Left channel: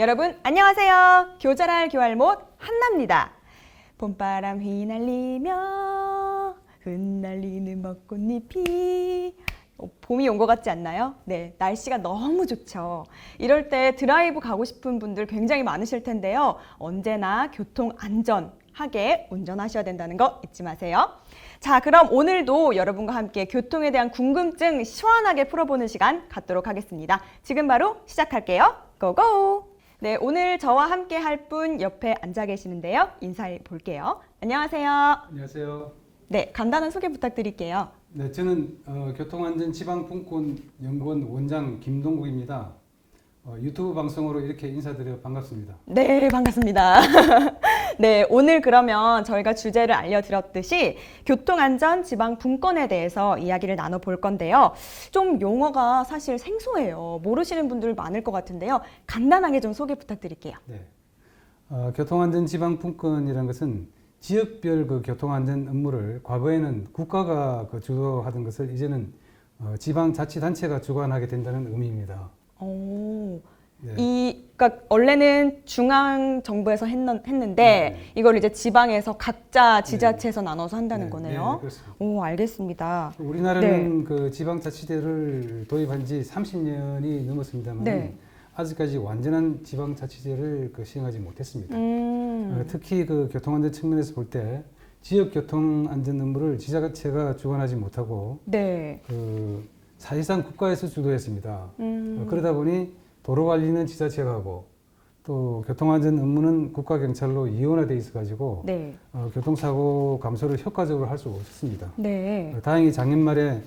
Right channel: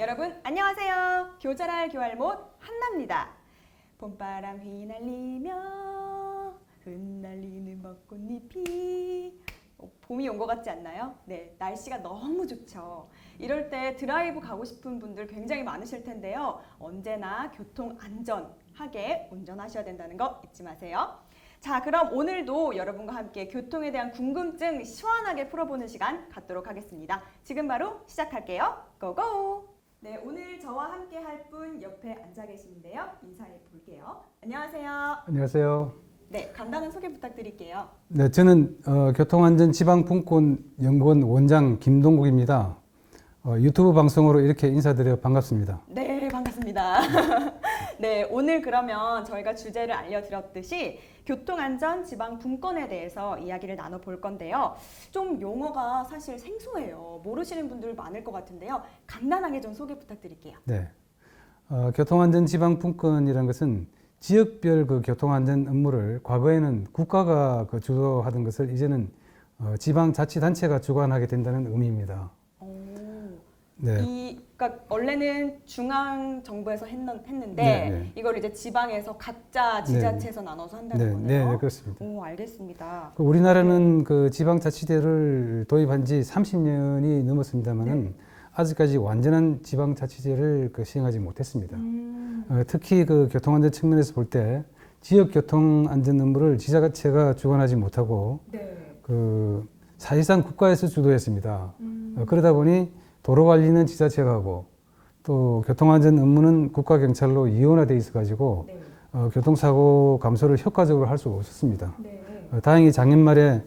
여러분 안녕하세요. 교잘할 교할못 한나입니다. 봄바람 휘날리며 흩날리는 벚꽃잎이 봄이 온 것 같지 않나요? 네, 날씨가 너무 좋죠. 이럴 때 드라이브 가고 싶은 분들 굉장히 많으실 텐데요. 언제나 교통 안전하게 운전하셔야 된다는 거 잊지 마세요. 자, 그럼 오늘도 여러분과 함께 교통에 대한 궁금증 시원하게 풀어보는 시간 갖도록 하겠습니다. 지금 바로 시작할게요. 고고! 네, 오늘 저와 함께 할 분 옆에 앉아 계시는데요. 인사해 볼게요. 안녕하세요. 안녕하세요. 네, 간단한 소개 부탁드릴게요. 네, 저는 교통안전지방분권연구원 원장 김동국입니다. 유튜브 방송으로 이렇게 인사드려 반갑습니다. 네, 반갑습니다. 네, 오늘 그러면 저희가 주제를 알려드렸듯이 교통안전 지방분권에 대해서 이야기를 나눠볼 건데요. 좀 용어가 사실 생소해요. 모르시는 분들 많을 것 같은데요. 간단하게 좀 소개 부탁드릴게요. 네, 교통안전지방분권이라는 것은 지역별 교통안전 업무를 과거에는 국가가 주도하던 것을 이제는 지방자치단체가 주관하게 된다는 의미입니다. 오, 네. 그러니까 원래는 중앙 정부에서 했는데 네. 이걸 이제 지방에서 각자 지자체에서 나눠서 한다는 네, 거네요. 네, 그렇습니다. 오, 알겠습니다. 우리나라는 지방자치제를 도입한 지 30년이 넘었습니다만 네. 아직까지 완전한 지방자치제를 시행하지 못했습니다. 특히 교통안전 측면에서 볼 때 지역 교통안전 업무를 지자체가 주관하지 못하고 네. 사실상 국가에서 주도했습니다. 그러다 보니 도로관리는 지자체가 하고 또 교통안전 업무는 국가경찰로 이원화돼 있어가지고 네. 교통사고 감소를 효과적으로 할 수가 없었습니다. 네. 다행히 작년 말에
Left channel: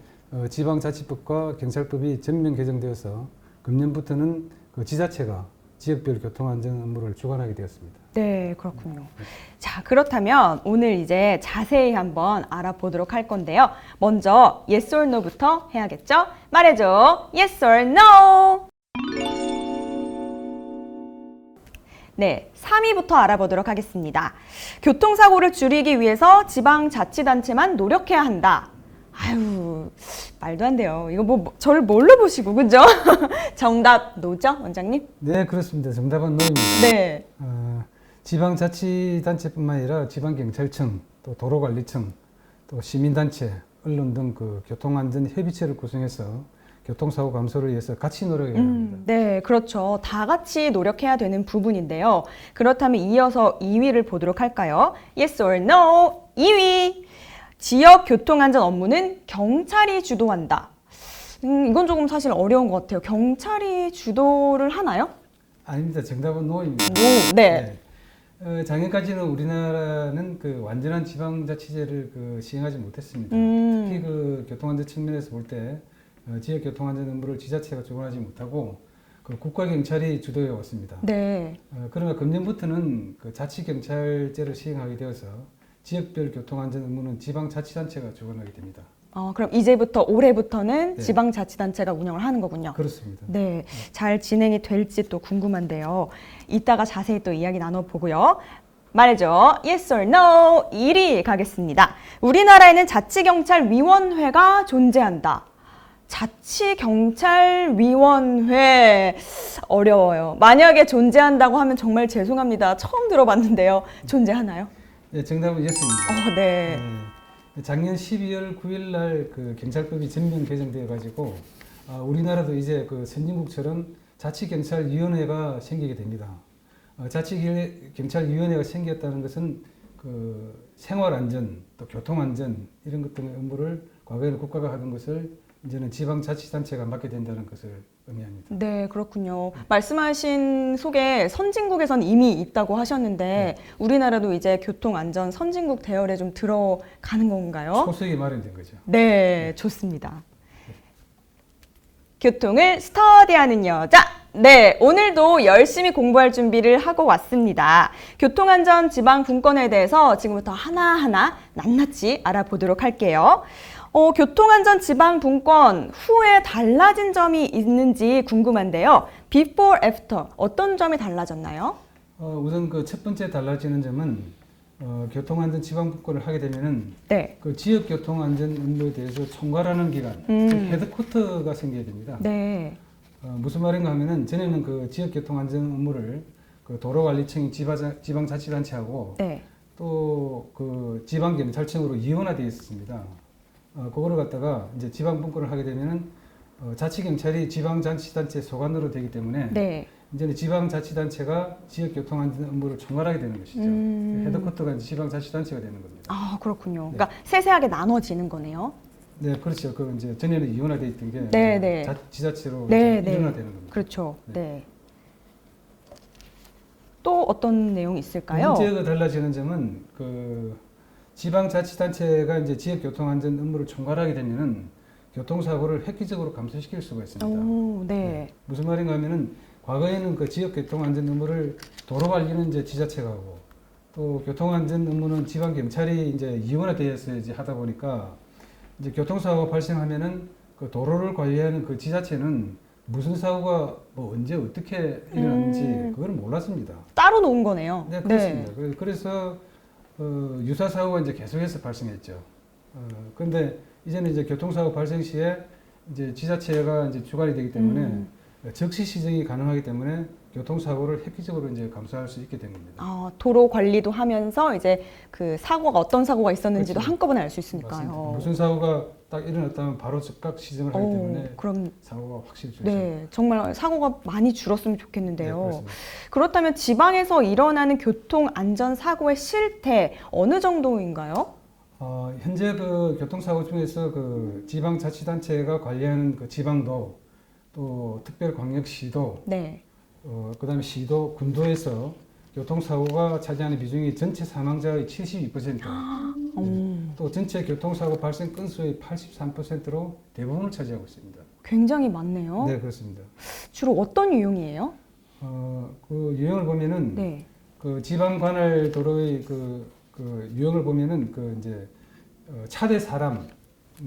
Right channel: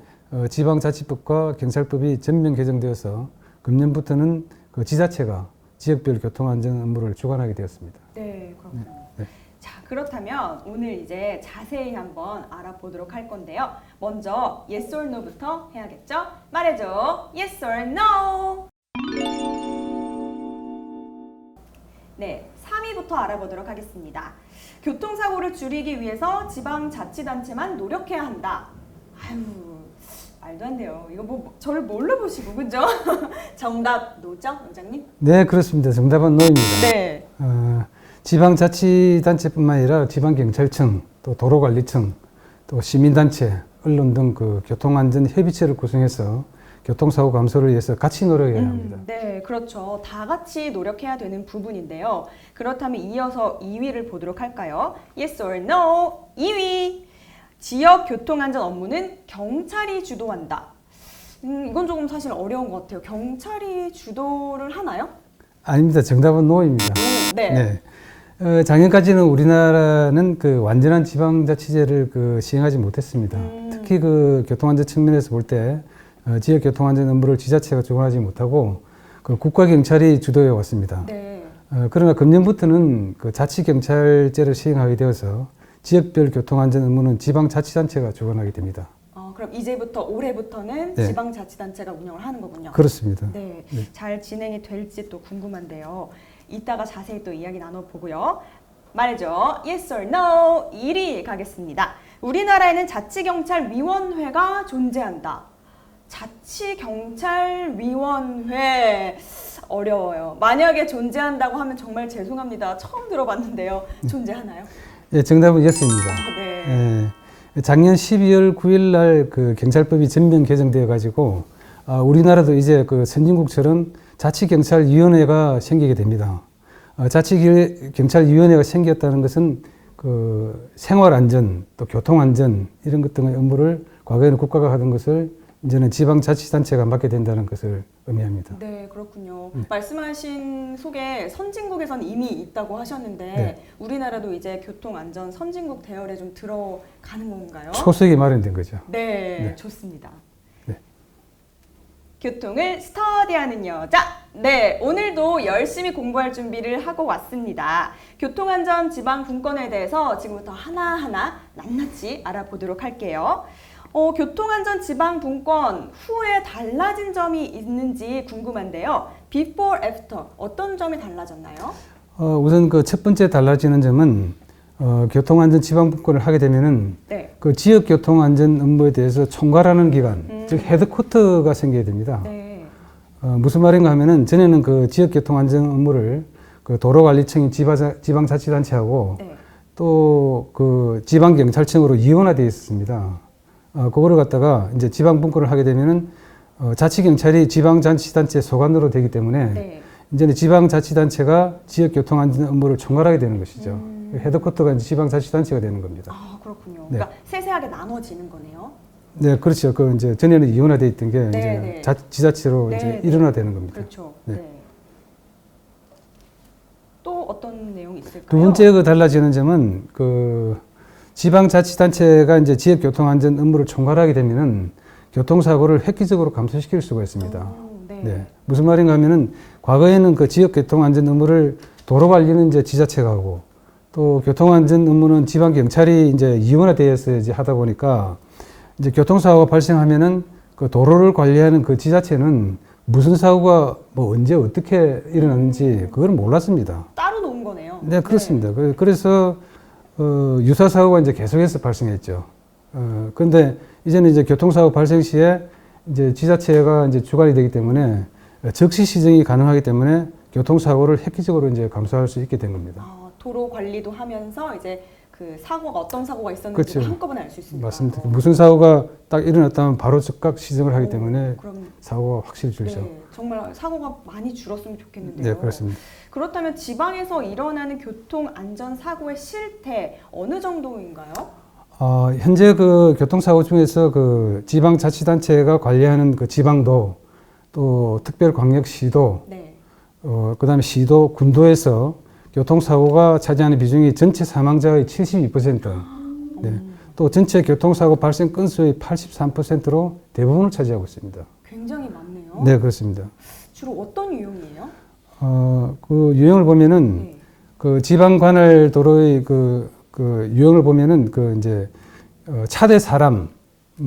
지방자치법과 경찰법이 전면 개정되어서 금년부터는 지자체가 지역별 교통안전 업무를 주관하게 되었습니다. 네, 그렇군요. 네. 자, 그렇다면 오늘 이제 자세히 한번 알아보도록 할 건데요. 먼저 yes or no부터 해야겠죠? 말해줘. yes or no. 네, 3위부터 알아보도록 하겠습니다. 교통사고를 줄이기 위해서 지방자치단체만 노력해야 한다. 아유, 말도 안 돼요. 이거 저를 뭘로 보시고, 그죠? 정답 노죠, 원장님? 네, 그렇습니다. 정답은 노입니다. 네. 지방자치단체뿐만 아니라 지방경찰청, 또 도로관리청, 또 시민단체, 언론 등 교통안전 협의체를 구성해서 교통사고 감소를 위해서 같이 노력해야 합니다. 네, 그렇죠. 다 같이 노력해야 되는 부분인데요. 그렇다면 이어서 2위를 보도록 할까요? Yes or no? 2위. 지역 교통안전 업무는 경찰이 주도한다. 이건 조금 사실 어려운 것 같아요. 경찰이 주도를 하나요? 아닙니다. 정답은 노입니다. 네. 작년까지는 우리나라는 완전한 지방자치제를 시행하지 못했습니다. 특히 교통안전 측면에서 볼 때 지역 교통안전 업무를 지자체가 주관하지 못하고 국가경찰이 주도해 왔습니다. 네. 그러나 금년부터는 자치경찰제를 시행하게 되어서 지역별 교통안전 업무는 지방자치단체가 주관하게 됩니다. 그럼 이제부터 올해부터는 네. 지방자치단체가 운영을 하는 거군요. 그렇습니다. 네. 잘 진행이 될지 또 궁금한데요. 이따가 자세히 또 이야기 나눠보고요. 말해줘. Yes or no. 1위 가겠습니다. 우리나라에는 자치경찰위원회가 존재한다. 자치경찰위원회 어려워요. 만약에 존재한다고 하면 정말 죄송합니다. 처음 들어봤는데요. 존재하나요? 예, 정답은 예스입니다. 네. 예, 작년 12월 9일 날 경찰법이 전면 개정되어 가지고 우리나라도 이제 선진국처럼 자치경찰위원회가 생기게 됩니다. 자치경찰위원회가 생겼다는 것은 생활안전, 또 교통안전 이런 것 등의 업무를 과거에는 국가가 하던 것을 이제는 지방자치단체가 맡게 된다는 것을 의미합니다. 네, 그렇군요. 말씀하신 속에 선진국에선 이미 있다고 하셨는데 네. 우리나라도 이제 교통안전 선진국 대열에 좀 들어가는 건가요? 초석이 마련된 거죠. 네, 좋습니다. 네. 교통을 스터디하는 여자. 네, 오늘도 열심히 공부할 준비를 하고 왔습니다. 교통안전 지방분권에 대해서 지금부터 하나하나 낱낱이 알아보도록 할게요. 교통안전 지방분권 후에 달라진 점이 있는지 궁금한데요. Before, after 어떤 점이 달라졌나요? 우선 첫 번째 달라지는 점은 교통안전 지방분권을 하게 되면은 네. 지역 교통안전 업무에 대해서 총괄하는 기관, 즉 헤드쿼터가 생겨야 됩니다. 네. 무슨 말인가 하면은 전에는 그 지역교통안전 업무를 그 도로관리청이 지방자치단체하고 네. 또 그 지방경찰청으로 이원화되어 있었습니다. 그거를 갖다가 이제 지방분권을 하게 되면은 자치경찰이 지방자치단체 소관으로 되기 때문에 네. 이제는 지방자치단체가 지역교통안전 업무를 총괄하게 되는 것이죠. 헤드쿼터가 이제 지방자치단체가 되는 겁니다. 아, 그렇군요. 네. 그러니까 세세하게 나눠지는 거네요. 네, 그렇죠. 그 이제 전에는 이원화되어 있던 게 네, 이제 네. 지자체로 네, 이제 네. 일원화되는 겁니다. 그렇죠. 네. 네. 또 어떤 내용이 있을까요? 두 번째 그 달라지는 점은 그 지방자치단체가 이제 지역교통안전 업무를 총괄하게 되면은 교통사고를 획기적으로 감소시킬 수가 있습니다. 오, 네. 네. 무슨 말인가 하면은 과거에는 그 지역교통안전 업무를 도로관리는 이제 지자체가 하고 또 교통안전 업무는 지방경찰이 이제 이원화되어서 이제 하다 보니까 이제 교통사고가 발생하면은 그 도로를 관리하는 그 지자체는 무슨 사고가 뭐 언제 어떻게 일어났는지 그걸 몰랐습니다. 따로 놓은 거네요. 네, 그렇습니다. 그래서 유사 사고가 이제 계속해서 발생했죠. 그런데 이제는 이제 교통사고 발생 시에 이제 지자체가 이제 주관이 되기 때문에 즉시 시정이 가능하기 때문에 교통사고를 획기적으로 이제 감소할 수 있게 된 겁니다. 도로 관리도 하면서 이제 그 사고가 어떤 사고가 있었는지 그렇죠. 한꺼번에 알 수 있으니까. 맞습니다. 무슨 사고가 딱 일어났다면 바로 즉각 시정을 하기 어, 때문에 그럼 사고가 확실히 줄죠. 네, 정말 사고가 많이 줄었으면 좋겠는데요. 네, 그렇습니다. 그렇다면 지방에서 일어나는 교통 안전 사고의 실태 어느 정도인가요? 현재 그 교통사고 중에서 그 지방자치단체가 관리하는 그 지방도 또 특별광역시도 네. 그다음에 시도, 군도에서 교통사고가 차지하는 비중이 전체 사망자의 72%, 네. 또 전체 교통사고 발생 건수의 83%로 대부분을 차지하고 있습니다. 굉장히 많네요. 네, 그렇습니다. 주로 어떤 유형이에요? 그 유형을 보면은 네. 그 지방 관할 도로의 그 유형을 보면은 그 이제 차대 사람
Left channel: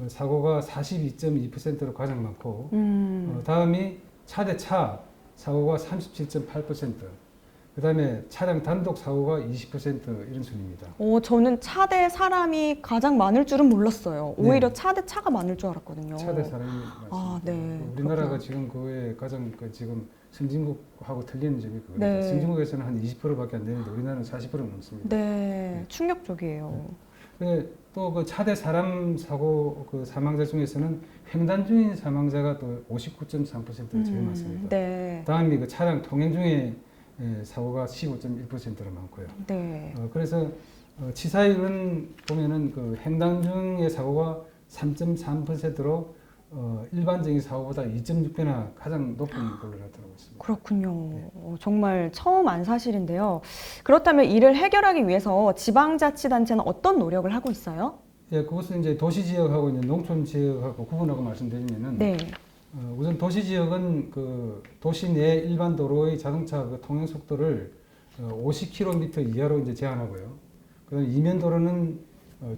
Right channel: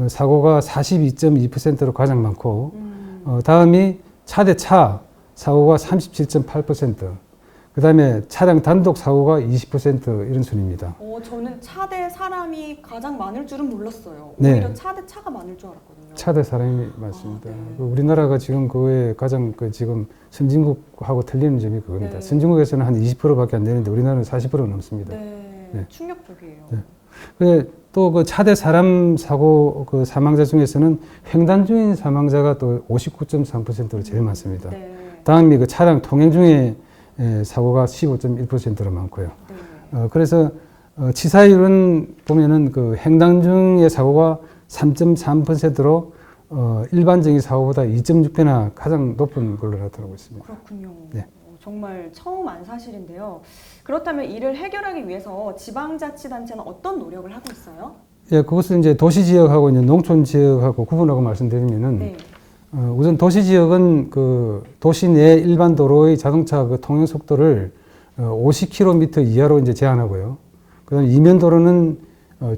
사고가 42.2%로 가장 많고 다음이 차대 차 사고가 37.8%, 그다음에 차량 단독 사고가 20% 이런 순입니다. 저는 차대 사람이 가장 많을 줄은 몰랐어요. 네. 오히려 차대 차가 많을 줄 알았거든요. 차대 사람이 많습니다. 네. 우리나라가 지금 그에 가장 그 지금 선진국하고 틀리는 점이 그겁니다. 네. 선진국에서는 한 20%밖에 안 되는데 우리나라는 40% 넘습니다. 네, 네. 충격적이에요. 네. 또 그 차대 사람 사고 그 사망자 중에서는 횡단 중인 사망자가 또 59.3%로 제일 많습니다. 네. 다음이 그 차량 통행 중에 사고가 15.1%로 많고요. 네. 그래서 치사율은 보면은 그 횡단 중의 사고가 3.3%로 일반적인 사고보다 2.6배나 가장 높은 걸로 나타나고 있습니다. 그렇군요. 네. 정말 처음 안 사실인데요. 그렇다면 이를 해결하기 위해서 지방자치단체는 어떤 노력을 하고 있어요? 예, 그것을 이제 도시 지역하고 이제 농촌 지역하고 구분하고 말씀드리면은 네. 우선 도시 지역은 그 도시 내 일반 도로의 자동차 그 통행 속도를 50km 이하로 이제 제한하고요. 그다음 이면 도로는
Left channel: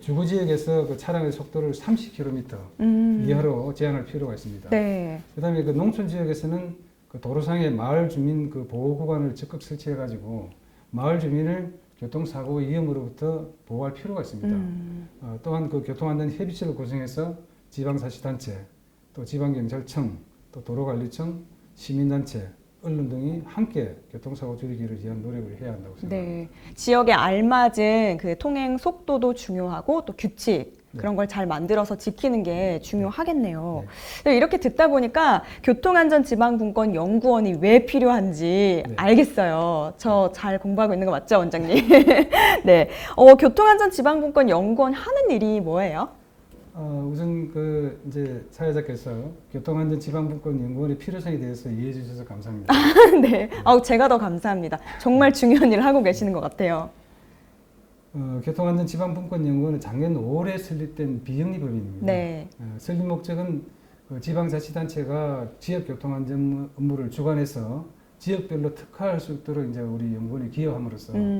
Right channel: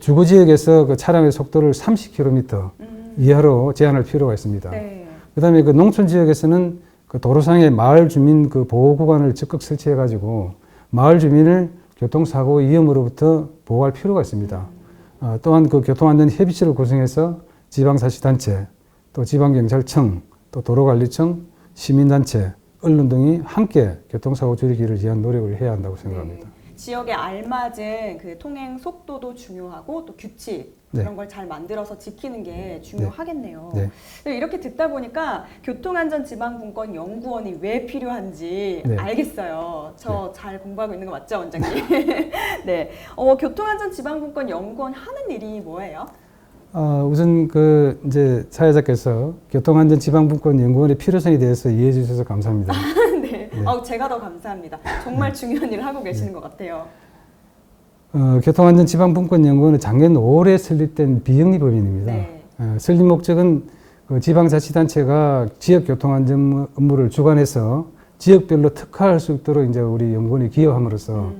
주거 지역에서 그 차량의 속도를 30km 이하로 제한할 필요가 있습니다. 네. 그다음에 그 농촌 지역에서는 그 도로상에 마을 주민 그 보호 구간을 적극 설치해 가지고 마을 주민을 교통사고 위험으로부터 보호할 필요가 있습니다. 또한 그 교통안전 협의체를 구성해서 지방자치단체, 또 지방경찰청, 또 도로관리청, 시민단체, 언론 등이 함께 교통사고 줄이기를 위한 노력을 해야 한다고 생각합니다. 네. 지역에 알맞은 그 통행 속도도 중요하고 또 규칙 네. 이런 걸 잘 만들어서 지키는 게 중요하겠네요. 네. 네, 이렇게 듣다 보니까 교통안전지방분권 연구원이 왜 필요한지 네. 알겠어요. 저 잘 공부하고 있는 거 맞죠, 원장님? 네. 교통안전지방분권 연구원 하는 일이 뭐예요? 우선 그 이제 사회자께서 교통안전지방분권 연구원의 필요성에 대해서 이해해 주셔서 감사합니다. 네. 제가 더 감사합니다. 정말 중요한 일을 하고 계시는 것 같아요. 교통안전지방분권연구원은 작년 5월에 설립된 비영리법인입니다. 네. 설립 목적은 그 지방자치단체가 지역교통안전 업무를 주관해서 지역별로 특화할 수 있도록 이제 우리 연구원이 기여함으로써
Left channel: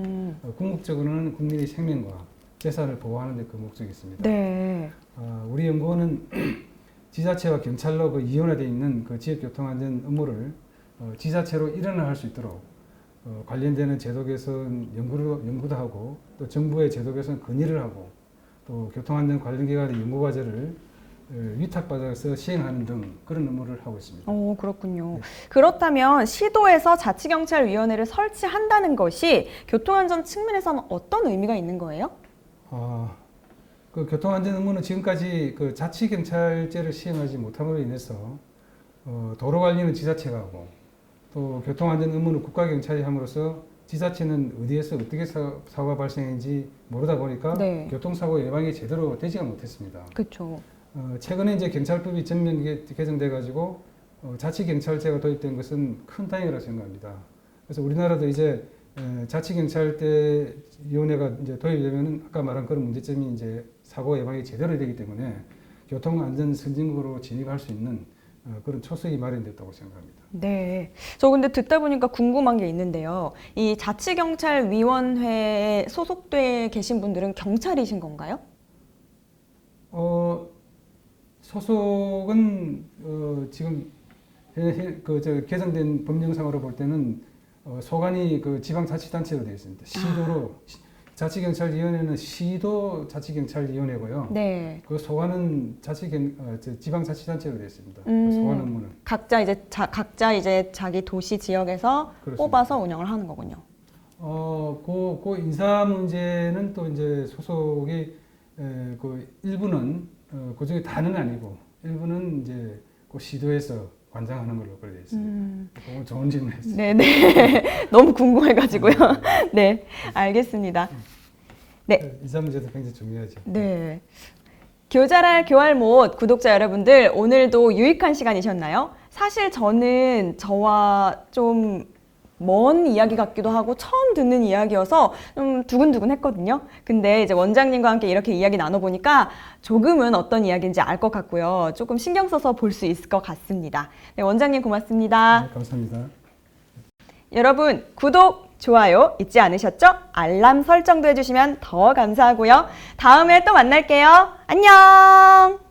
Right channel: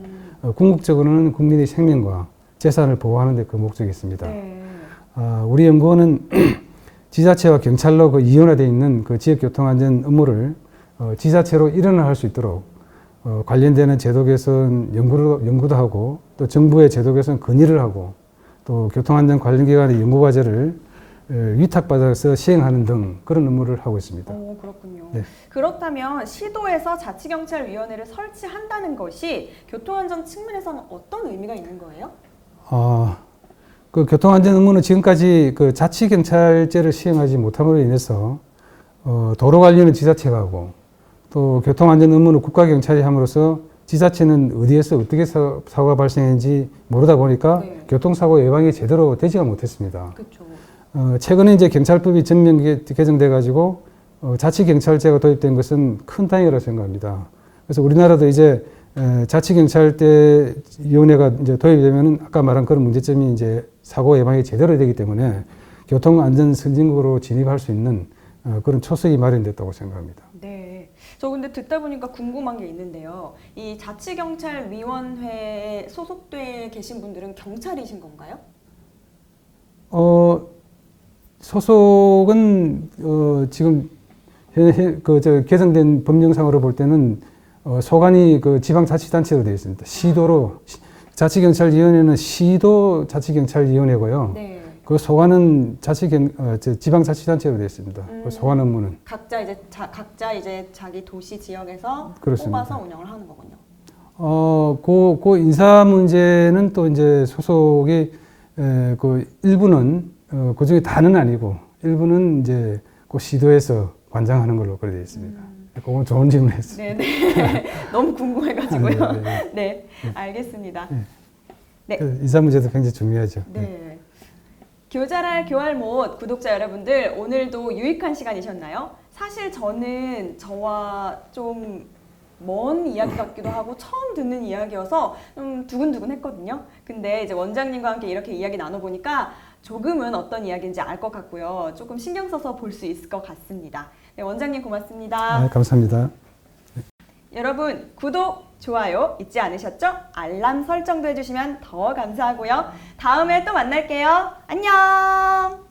궁극적으로는 국민의 생명과 재산을 보호하는 데 그 목적이 있습니다. 네. 우리 연구원은 지자체와 경찰로 그 이원화되어 있는 그 지역교통안전 업무를 지자체로 일원화할 수 있도록 관련되는 제도 개선 연구도 하고 또 정부의 제도 개선 건의를 하고 또 교통안전 관련 기관의 연구 과제를 위탁받아서 시행하는 등 그런 업무를 하고 있습니다. 오, 그렇군요. 네. 그렇다면 시도에서 자치경찰위원회를 설치한다는 것이 교통안전 측면에서는 어떤 의미가 있는 거예요? 그 교통안전 업무는 지금까지 그 자치경찰제를 시행하지 못함으로 인해서 도로관리는 지자체가 하고 또 교통안전 업무는 국가경찰이 함으로써 지자체는 어디에서 어떻게 사고가 발생했는지 모르다 보니까 네. 교통사고 예방이 제대로 되지가 못했습니다. 그렇죠. 최근에 이제 경찰법이 전면 개정돼 가지고 자치경찰제가 도입된 것은 큰 다행이라고 생각합니다. 그래서 우리나라도 이제 자치경찰대위원회가 이제 도입되면은 아까 말한 그런 문제점이 이제 사고 예방이 제대로 되기 때문에 교통안전 선진국으로 진입할 수 있는 그런 초석이 마련됐다고 생각합니다. 네. 저 근데 듣다 보니까 궁금한 게 있는데요. 이 자치경찰위원회에 소속돼 계신 분들은 경찰이신 건가요? 소속은 지금 개정된 법령상으로 볼 때는 소관이 그 지방자치단체로 되어 있습니다. 시도로 자치경찰위원회는 시도 자치경찰위원회고요. 네. 그 소관은 지방자치단체로 되어 있습니다. 그 소관 업무는 각자 이제 자기 도시 지역에서 그렇습니다. 뽑아서 운영을 하는 거군요. 그 인사 문제는 또 이제 소속이 그 일부는 그 중에 다는 아니고 일부는 이제 그 시도에서 관장하는 걸로 그렇게 되어 있습니다. 그건 좋은 질문이었습니다. 네네. 너무 궁금해가지고요. 네. 네, 알겠습니다. 네. 그 인사 문제도 굉장히 중요하죠. 네. 교잘할 교할못 구독자 여러분들, 오늘도 유익한 시간이셨나요? 사실 저는 저와 좀 먼 이야기 같기도 하고 처음 듣는 이야기여서 좀 두근두근 했거든요. 근데 이제 원장님과 함께 이렇게 이야기 나눠보니까 조금은 어떤 이야기인지 알 것 같고요. 조금 신경 써서 볼 수 있을 것 같습니다. 네, 원장님 고맙습니다. 감사합니다. 여러분 구독, 좋아요 잊지 않으셨죠? 알람 설정도 해주시면 더 감사하고요. 다음에 또 만날게요. 안녕!